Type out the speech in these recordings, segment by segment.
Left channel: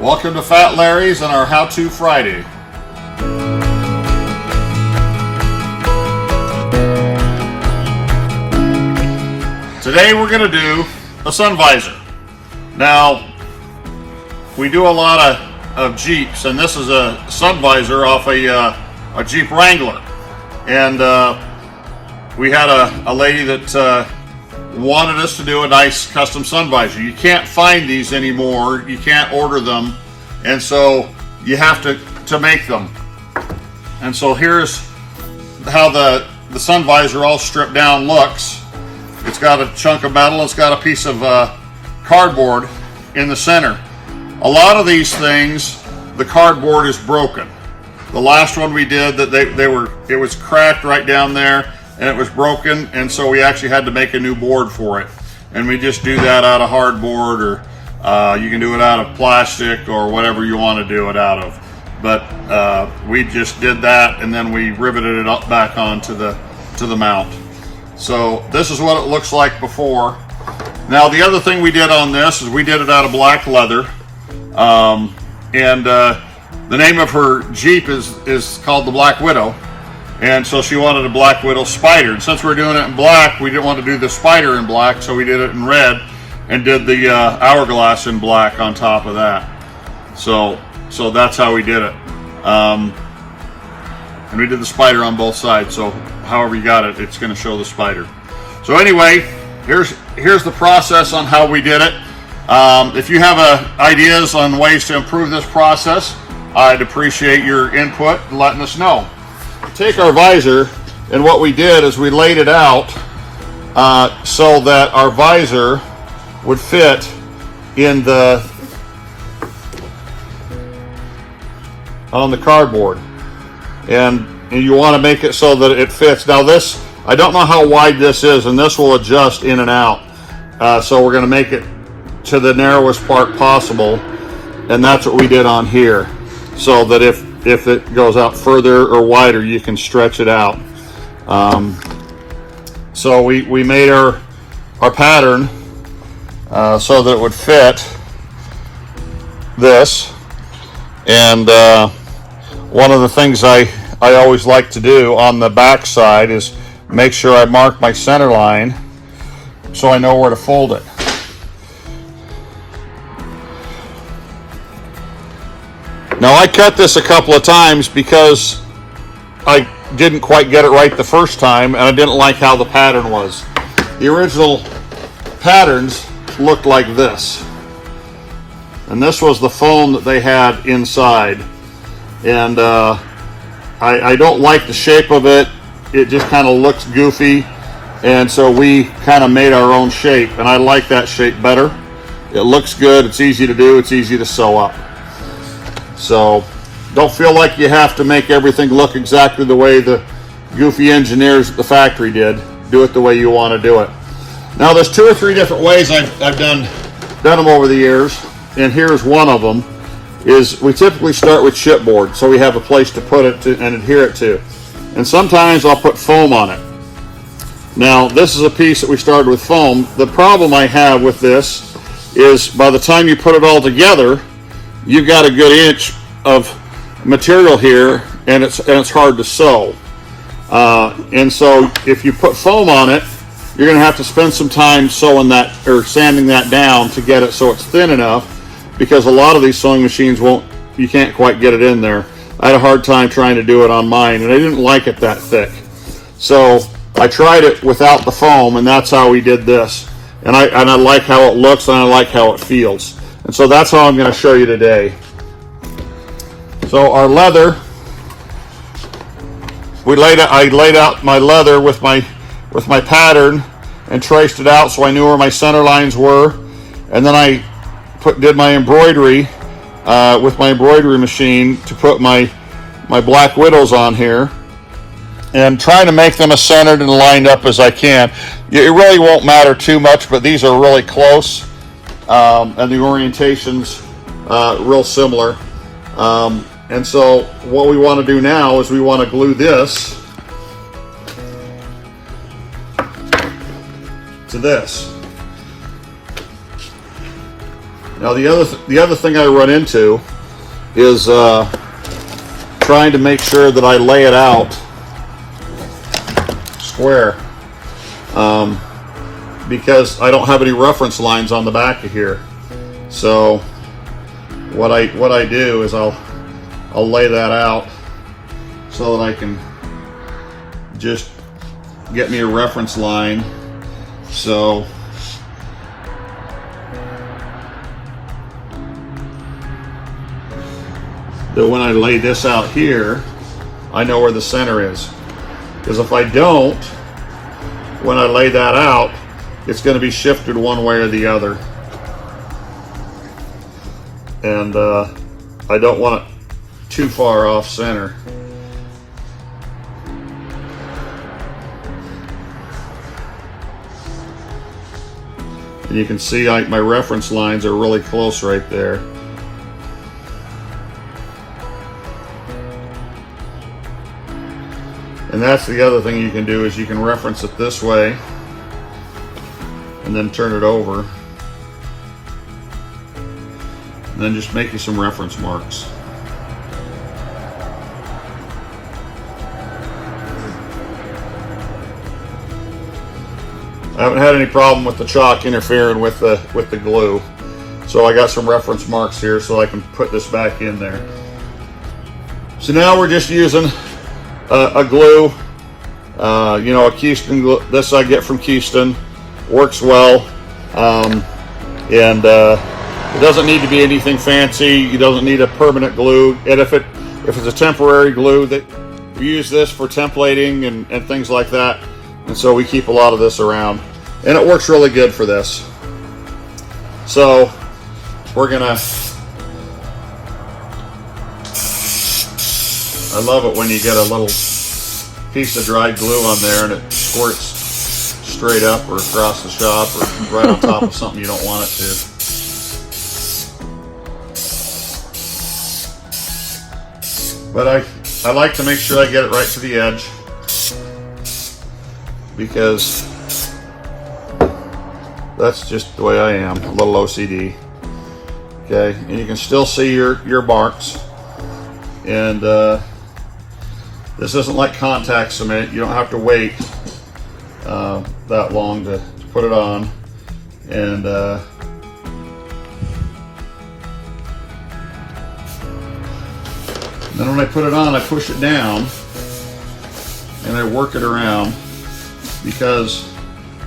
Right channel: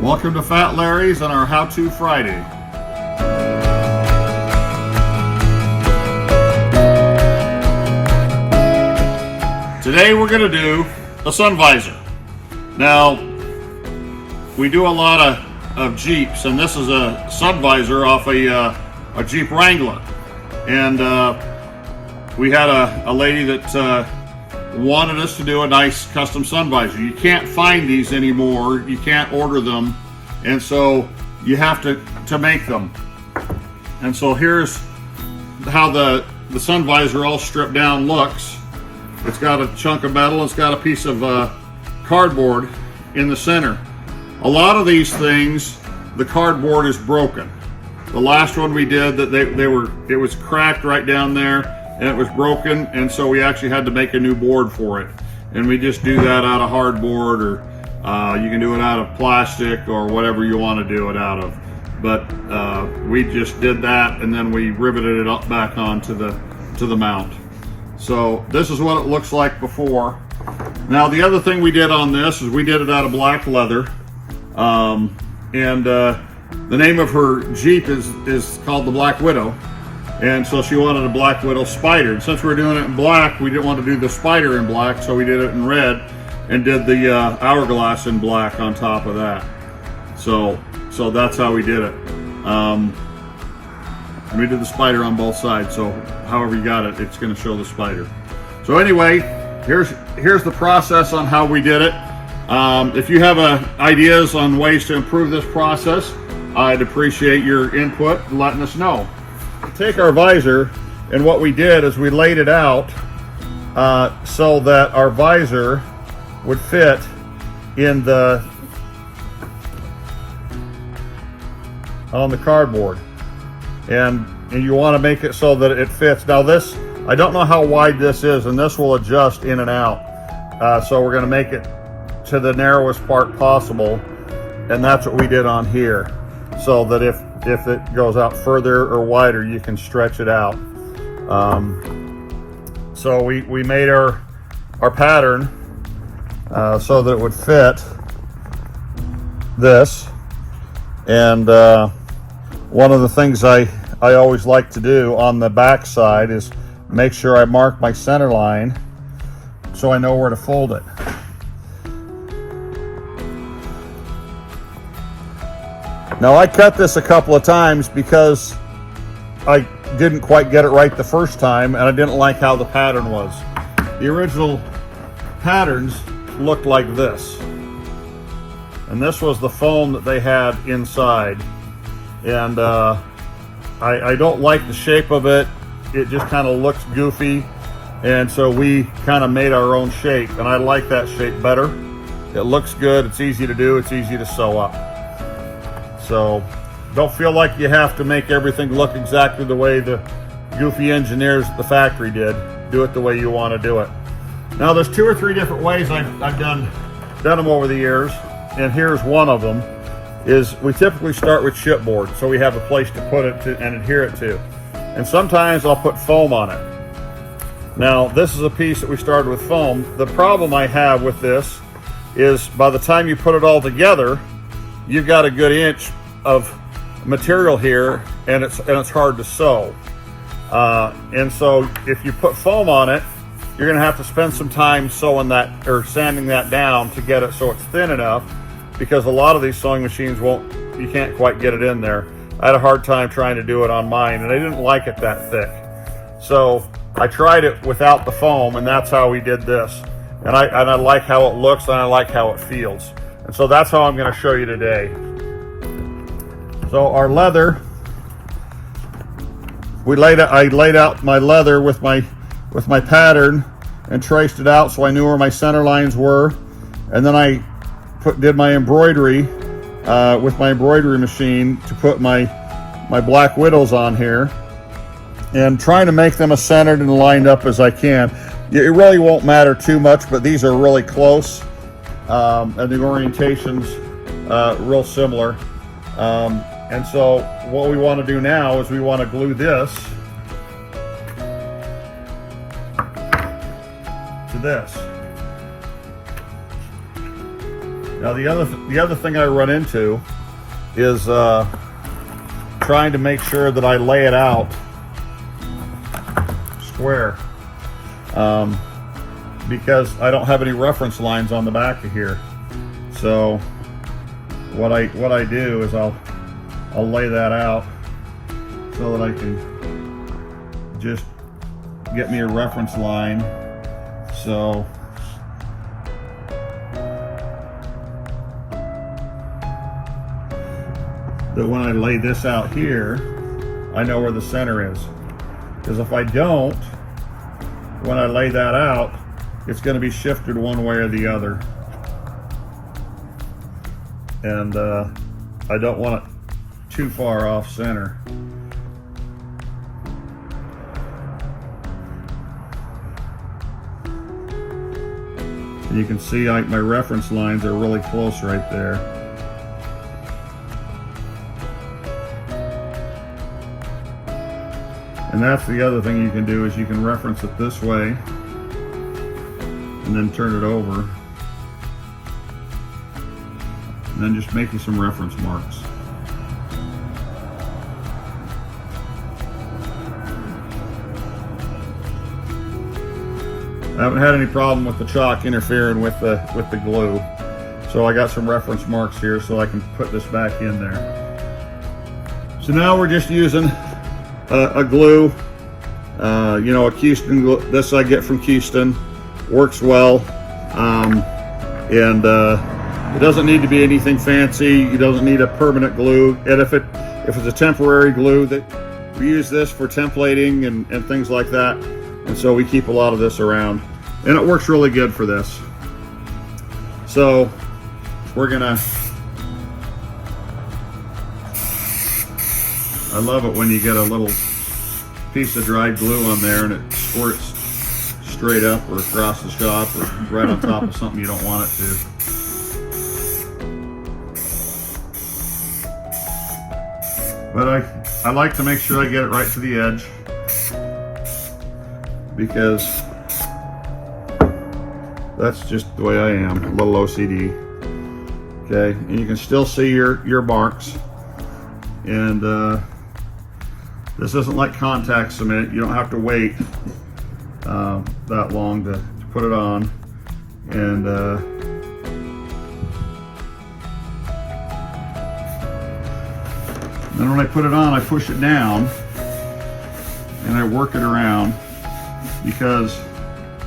Welcome to Fat Larry's and our How-To Friday. Today we're going to do a sun visor. Now, we do a lot of Jeeps, and this is a sun visor off a Jeep Wrangler. And we had a lady that wanted us to do a nice custom sun visor. You can't find these anymore. You can't order them, and so you have to make them. And so here's how the sun visor all stripped down looks. It's got a chunk of metal. It's got a piece of cardboard in the center. A lot of these things, the cardboard is broken. The last one we did, that it was cracked right down there, and it was broken, and so we actually had to make a new board for it. And we just do that out of hardboard, or you can do it out of plastic, or whatever you want to do it out of. But we just did that, and then we riveted it up back onto the mount. So this is what it looks like before. Now the other thing we did on this is we did it out of black leather, and the name of her Jeep is called the Black Widow. And so she wanted a Black Widow Spider. And since we're doing it in black, we didn't want to do the spider in black, so we did it in red and did the hourglass in black on top of that. So that's how we did it. And we did the spider on both sides, so however you got it, it's going to show the spider. So anyway, here's the process on how we did it. If you have ideas on ways to improve this process, I'd appreciate your input and letting us know. Take our visor, and what we did is we laid it out so that our visor would fit on the cardboard, and you want to make it so that it fits. Now this, I don't know how wide this is, and this will adjust in and out, so we're going to make it to the narrowest part possible, and that's what we did on here, so that if it goes out further or wider, you can stretch it out. So we made our pattern so that it would fit this. And one of the things I always like to do on the back side is make sure I mark my center line so I know where to fold it. Now I cut this a couple of times because I didn't quite get it right the first time, and I didn't like how the pattern was. The original patterns looked like this, and this was the foam that they had inside, and I don't like the shape of it. It just kind of looks goofy, and so we kind of made our own shape, and I like that shape better. It looks good, it's easy to do, it's easy to sew up. So don't feel like you have to make everything look exactly the way the goofy engineers at the factory did. Do it the way you want to do it. Now there's 2 or 3 different ways I've done them over the years, and here's one of them. Is we typically start with chipboard, so we have a place to put it and adhere it to. And sometimes I'll put foam on it. Now this is a piece that we started with foam. The problem I have with this is by the time you put it all together, you've got a good inch of material here, and it's hard to sew. And so if you put foam on it, you're going to have to spend some time sewing that or sanding that down to get it so it's thin enough, because a lot of these sewing machines you can't quite get it in there. I had a hard time trying to do it on mine, and I didn't like it that thick. So I tried it without the foam, and that's how we did this. And I like how it looks, and I like how it feels. And so that's how I'm going to show you today. So our leather, I laid out my leather with my pattern and traced it out so I knew where my center lines were. And then I did my embroidery with my embroidery machine to put my Black Widows on here, and trying to make them as centered and lined up as I can. It really won't matter too much, but these are really close. And the orientation's real similar. And so what we want to do now is we want to glue this to this. Now the other thing I run into is trying to make sure that I lay it out square, because I don't have any reference lines on the back of here. So what I do is I'll lay that out so that I can just get me a reference line. So that when I lay this out here, I know where the center is. Because if I don't, when I lay that out, it's going to be shifted one way or the other. And I don't want it too far off center. And you can see my reference lines are really close right there. And that's the other thing you can do, is you can reference it this way and then turn it over. And then just make you some reference marks. I haven't had any problem with the chalk interfering with the glue. So I got some reference marks here so I can put this back in there. So now we're just using a glue, you know, a Houston glue. This I get from Houston, works well, and it doesn't need to be anything fancy. It doesn't need a permanent glue. And if it's a temporary glue, that we use this for templating and things like that. And so we keep a lot of this around, and it works really good for this. So we're gonna, I love it when you get a little piece of dried glue on there and it squirts straight up or across the shop or right on top of something you don't want it to. But I like to make sure I get it right to the edge, because that's just the way I am, a little OCD. Okay, and you can still see your marks. And this isn't like contact cement. You don't have to wait that long to put it on. And then when I put it on, I push it down and I work it around, because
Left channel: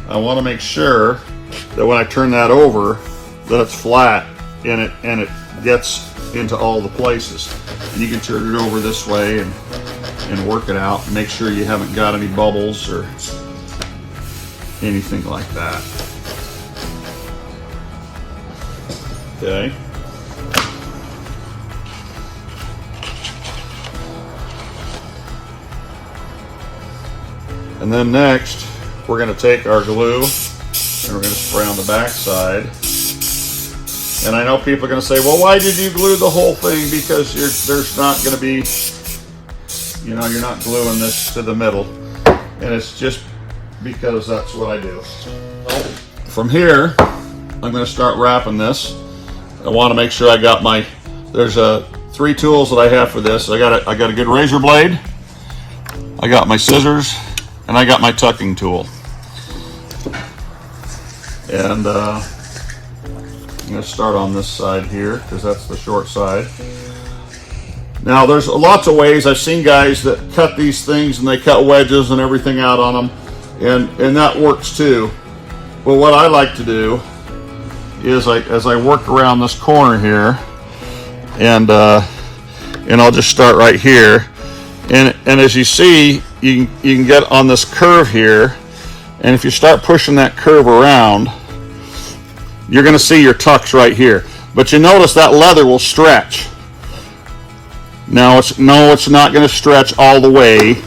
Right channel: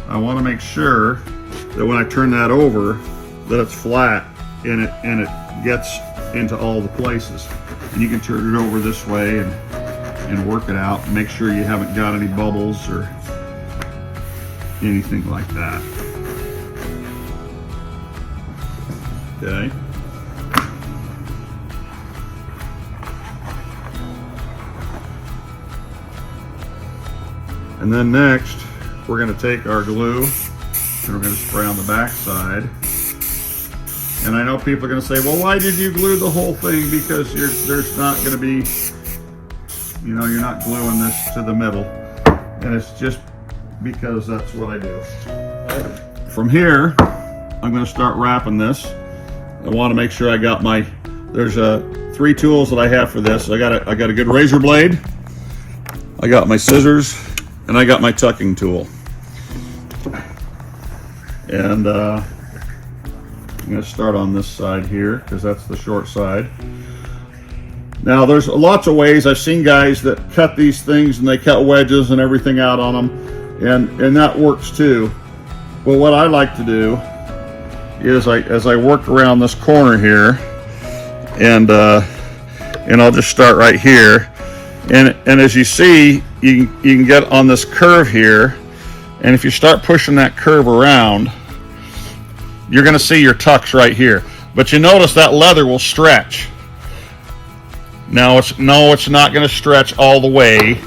I want to make sure that when I turn that over, that it's flat and it gets into all the places. And you can turn it over this way and work it out and make sure you haven't got any bubbles or anything like that. Okay. And then next, we're going to take our glue and we're going to spray on the back side. And I know people are going to say, well, why did you glue the whole thing? Because there's not going to be, you know, you're not gluing this to the middle. And it's just because that's what I do. From here, I'm going to start wrapping this. I want to make sure I got my, there's 3 tools that I have for this. I got a good razor blade, I got my scissors, and I got my tucking tool. And I'm going to start on this side here because that's the short side. Now there's lots of ways. I've seen guys that cut these things and they cut wedges and everything out on them, and that works too. But what I like to do is as I work around this corner here, and I'll just start right here, and as you see, you can get on this curve here, and if you start pushing that curve around, you're going to see your tucks right here. But you notice that leather will stretch. Now it's not going to stretch all the way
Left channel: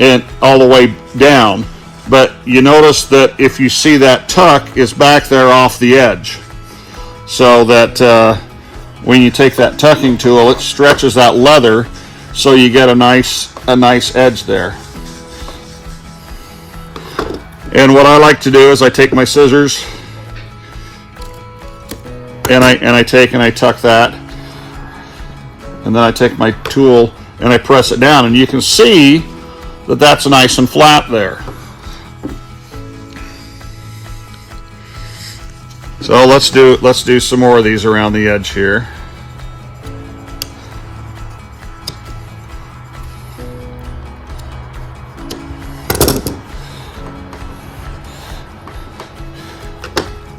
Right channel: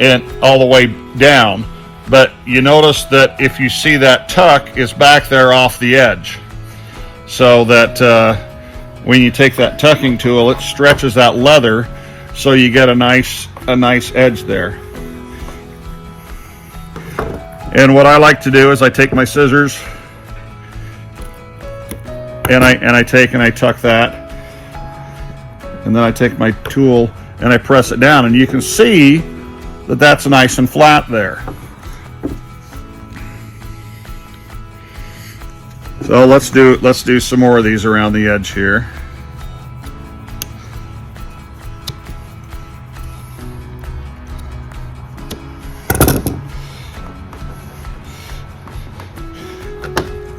and all the way down. But you notice that if you see that tuck is back there off the edge, so that when you take that tucking tool, it stretches that leather, so you get a nice edge there. And what I like to do is I take my scissors and I take and I tuck that, and then I take my tool and I press it down, and you can see that that's nice and flat there. So let's do some more of these around the edge here.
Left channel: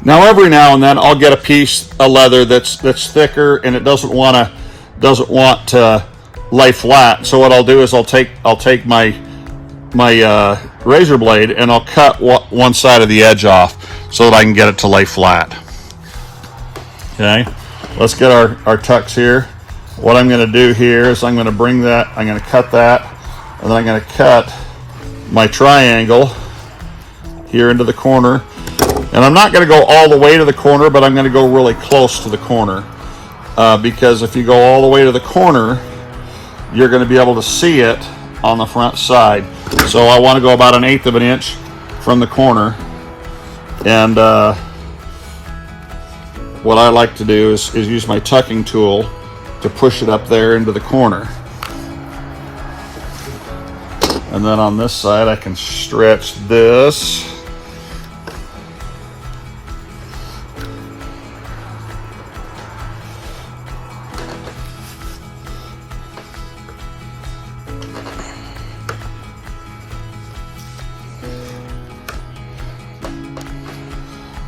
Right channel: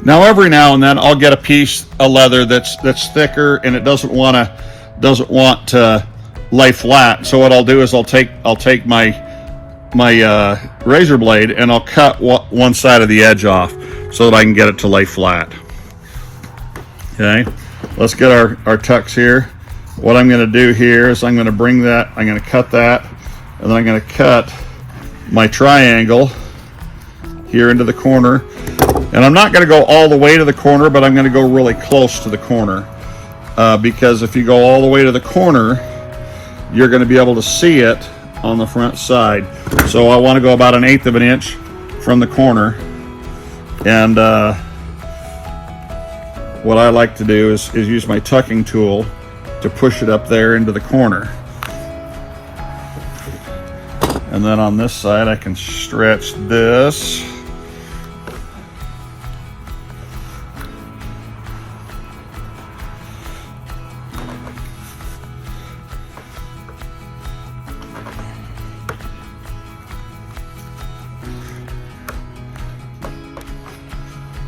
Now every now and then I'll get a piece of leather that's thicker and it doesn't want to lay flat. So what I'll do is I'll take my razor blade and I'll cut one side of the edge off so that I can get it to lay flat. Okay, let's get our tucks here. What I'm going to do here is I'm going to cut that, and then I'm going to cut my triangle here into the corner. And I'm not going to go all the way to the corner, but I'm going to go really close to the corner, because if you go all the way to the corner, you're going to be able to see it on the front side. So I want to go about 1/8 of an inch from the corner, and what I like to do is use my tucking tool to push it up there into the corner. And then on this side I can stretch this.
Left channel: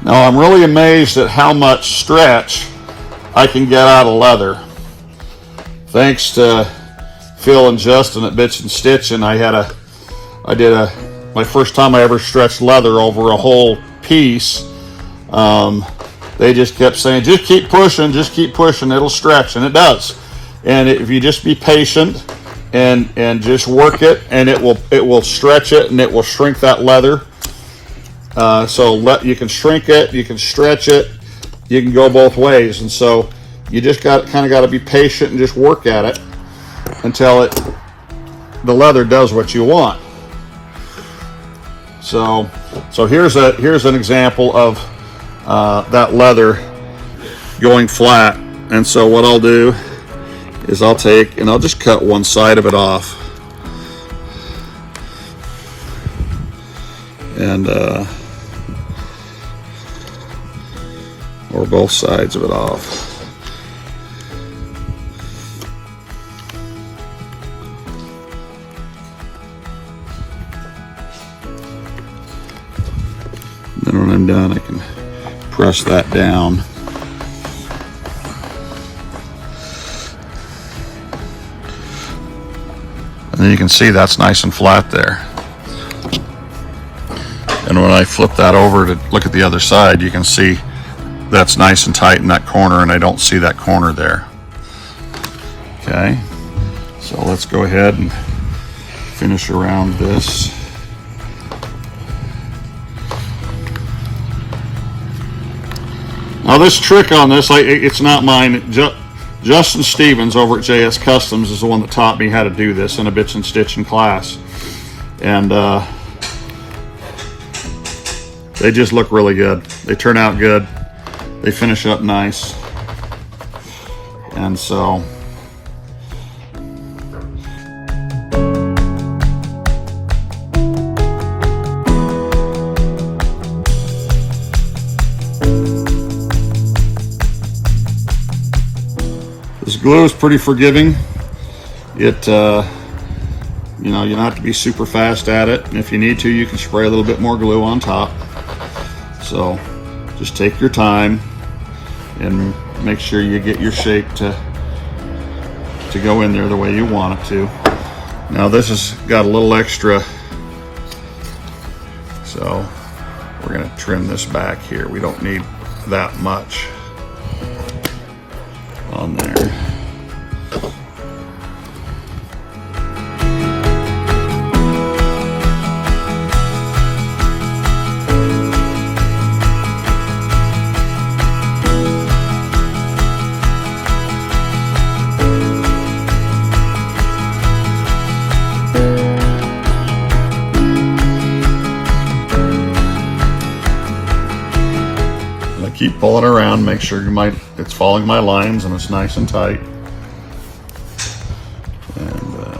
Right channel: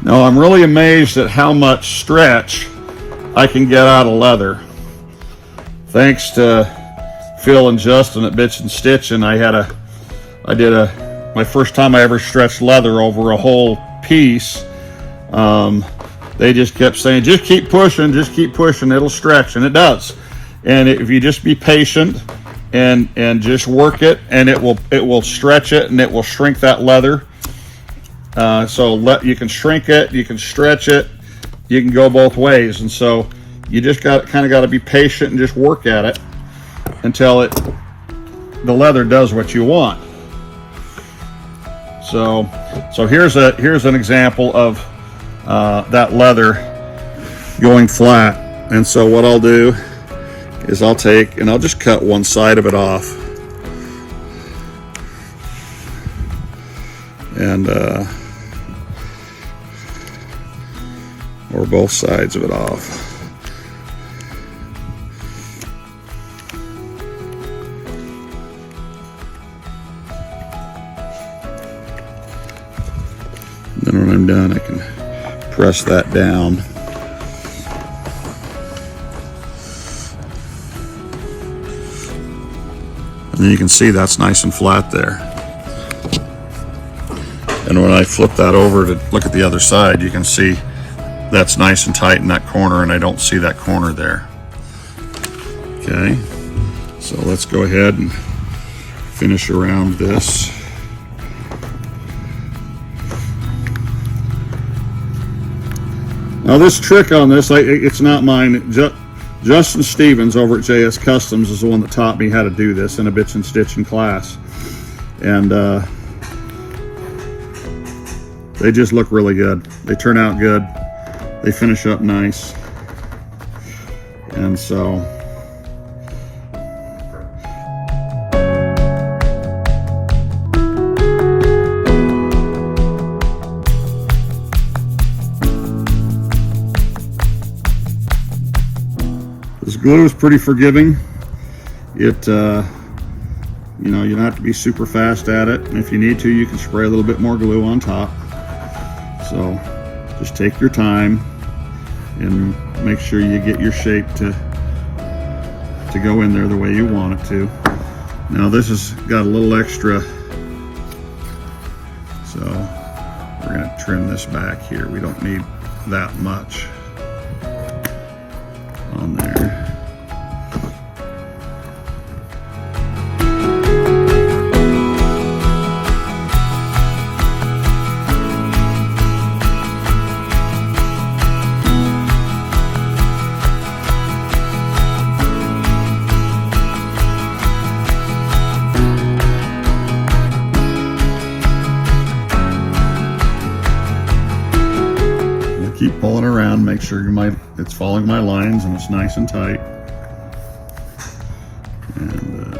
Now I'm really amazed at how much stretch I can get out of leather. Thanks to Phil and Justin at Bits and Stitching, my first time I ever stretched leather over a whole piece. They just kept saying, just keep pushing, it'll stretch, and it does. And if you just be patient and just work it, and it will stretch it, and it will shrink that leather. You can shrink it, you can stretch it, you can go both ways, and so you just got to be patient and just work at it until the leather does what you want. So here's an example of that leather going flat. And so what I'll do is I'll take and I'll just cut one side of it off, and or both sides of it off. Then when I'm done, I can press that down. And then you can see that's nice and flat there. And when I flip that over to look at the other side, you can see that's nice and tight in that corner, and I don't see that corner there. Okay, so let's go ahead and finish around this. Now this trick on this, it's not mine. Justin Stevens over at JS Customs is the one that taught me how to do this in a Bits and Stitching class. And they just look really good. They turn out good. They finish up nice. And so this glue is pretty forgiving. It you don't have to be super fast at it, and if you need to, you can spray a little bit more glue on top. So just take your time and make sure you get your shape to go in there the way you want it to. Now this has got a little extra, so we're going to trim this back here. We don't need that much on there. Keep pulling around. around, make sure it's following my lines and it's nice and tight. And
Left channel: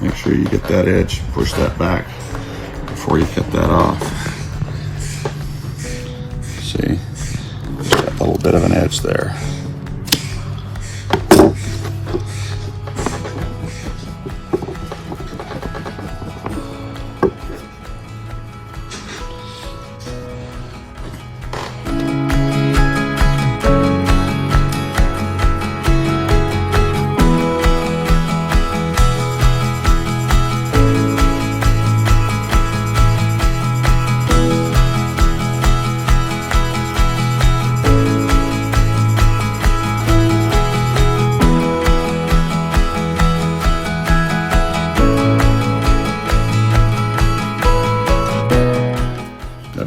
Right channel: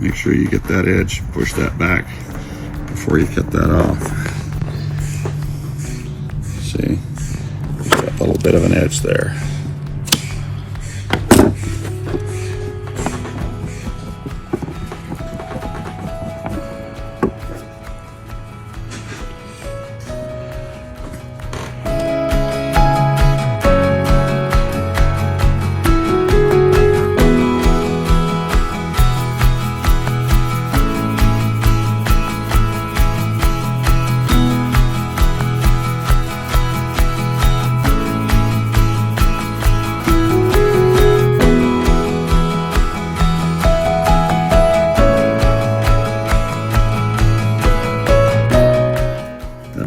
make sure you get that edge, push that back before you cut that off. See, got a little bit of an edge there.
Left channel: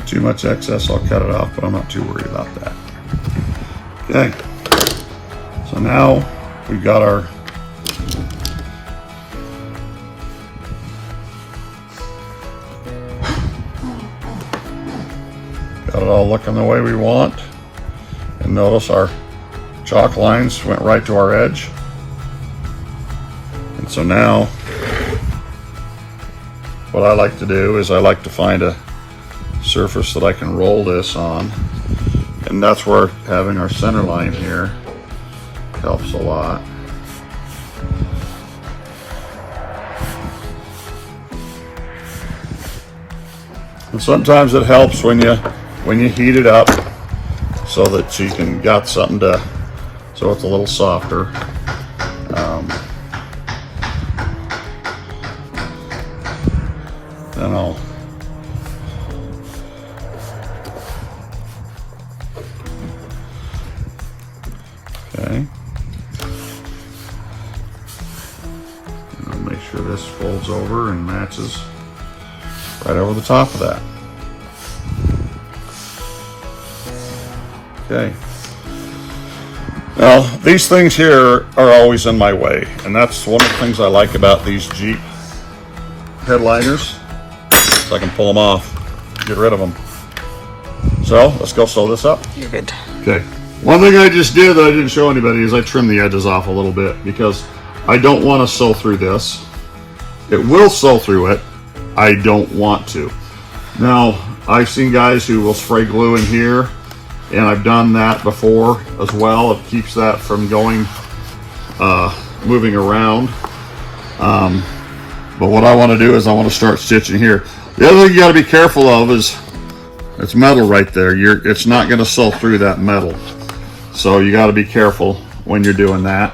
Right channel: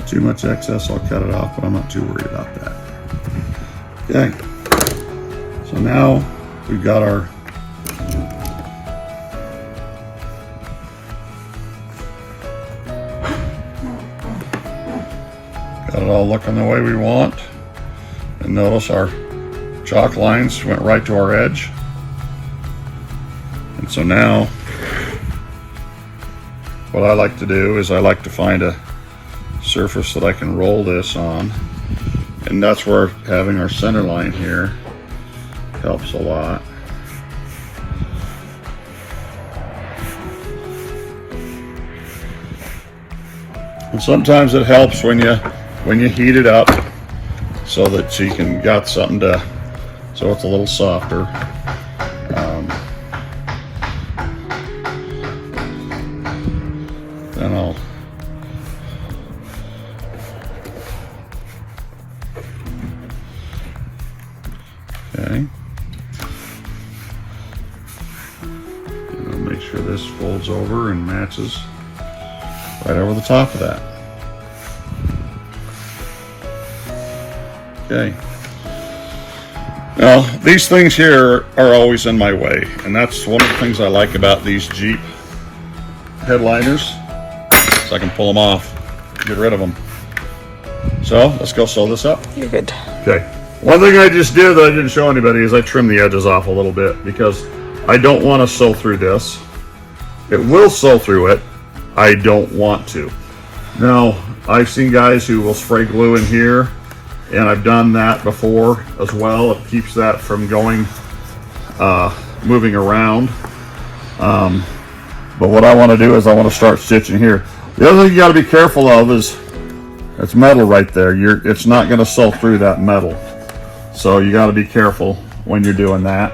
Too much excess, I'll cut it off, but I'm not too worried about that. Okay, so now we've got our got it all looking the way we want, and notice our chalk lines went right to our edge. And so now what I like to do is I like to find a surface that I can roll this on, and that's where having our center line here helps a lot. And sometimes it helps when you heat it up so that you can got something to, so it's a little softer. Then I'll okay. And I'll make sure this folds over and matches right over the top of that. Okay. Now, these things here are always in my way, and that's one of the things I like about these Jeep headliners, so I can pull them off, get rid of them. So, let's go sew this up. You're good. Okay. One thing I just did that I didn't show anybody is I trimmed the edges off a little bit because I don't want to sew through this. It will sew through it. I don't want to. Now, I've seen guys who will spray glue in here, and I've done that before as well. It keeps that from going, moving around. But what I want to do is I want to start stitching here. The other thing you got to be careful of is it's metal right there. It's not going to sew through that metal. So you got to be careful when you're doing that.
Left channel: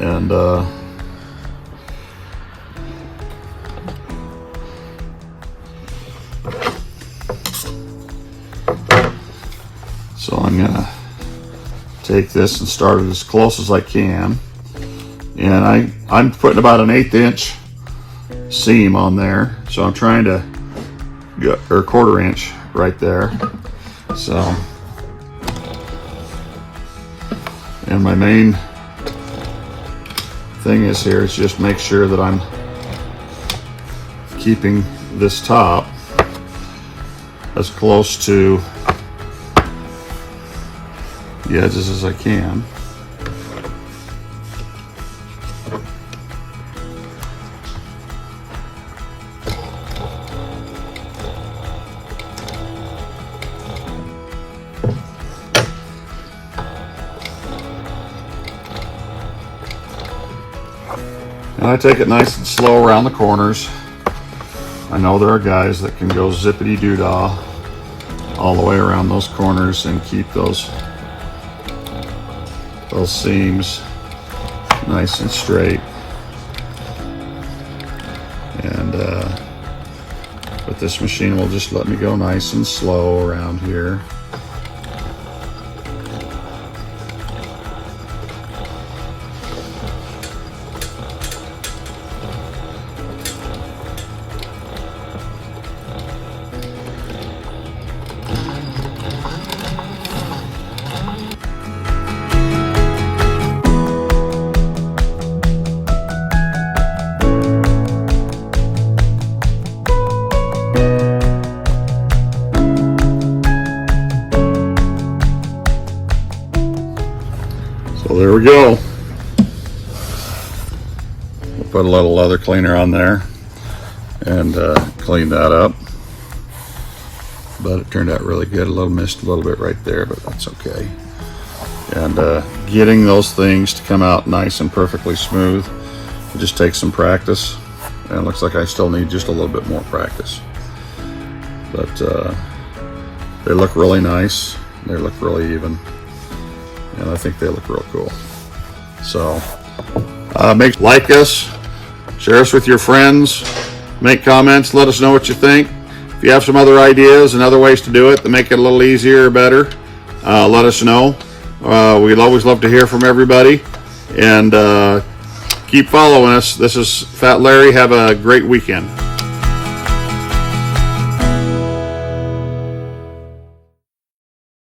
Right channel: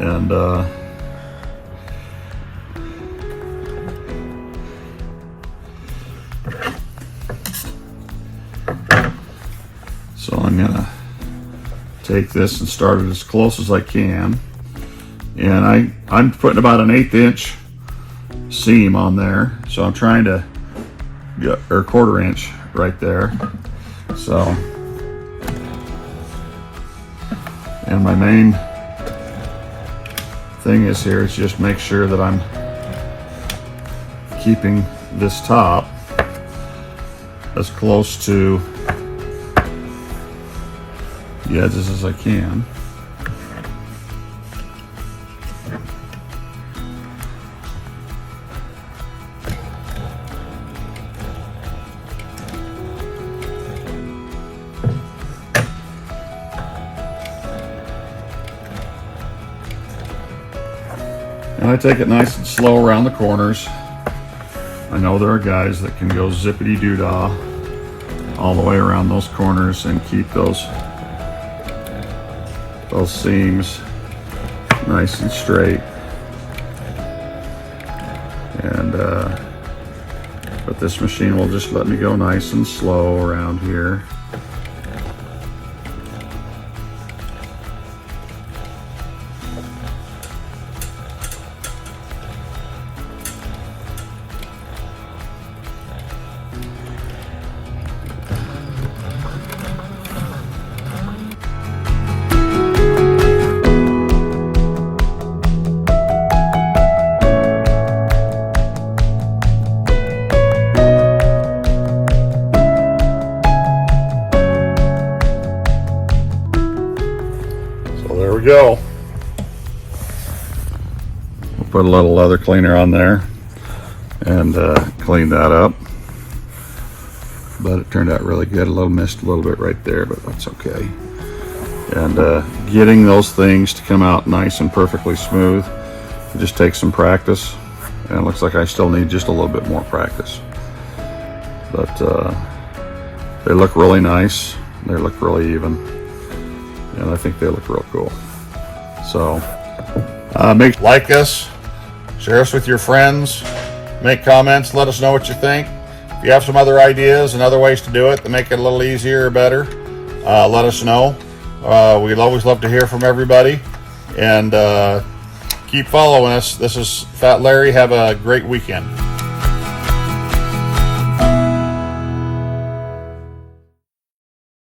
And so I'm gonna take this and start it as close as I can. And I'm putting about an 1/8 inch seam on there. So I'm trying to get, or 1/4 inch right there. So, and my main thing is here is just make sure that I'm keeping this top as close to the edges as I can. And I take it nice and slow around the corners. I know there are guys that can go zippity doo-dah all the way around those corners and keep those seams nice and straight. And but this machine will just let me go nice and slow around here. So there we go. We'll put a little leather cleaner on there and clean that up. But it turned out really good. A little missed a little bit right there, but that's okay. And getting those things to come out nice and perfectly smooth, it just takes some practice. And it looks like I still need just a little bit more practice. But they look really nice. They look really even. And I think they look real cool. So like us, share us with your friends, make comments, let us know what you think. If you have some other ideas and other ways to do it to make it a little easier or better, let us know. We'd always love to hear from everybody. And keep following us. This is Fat Larry. Have a great weekend.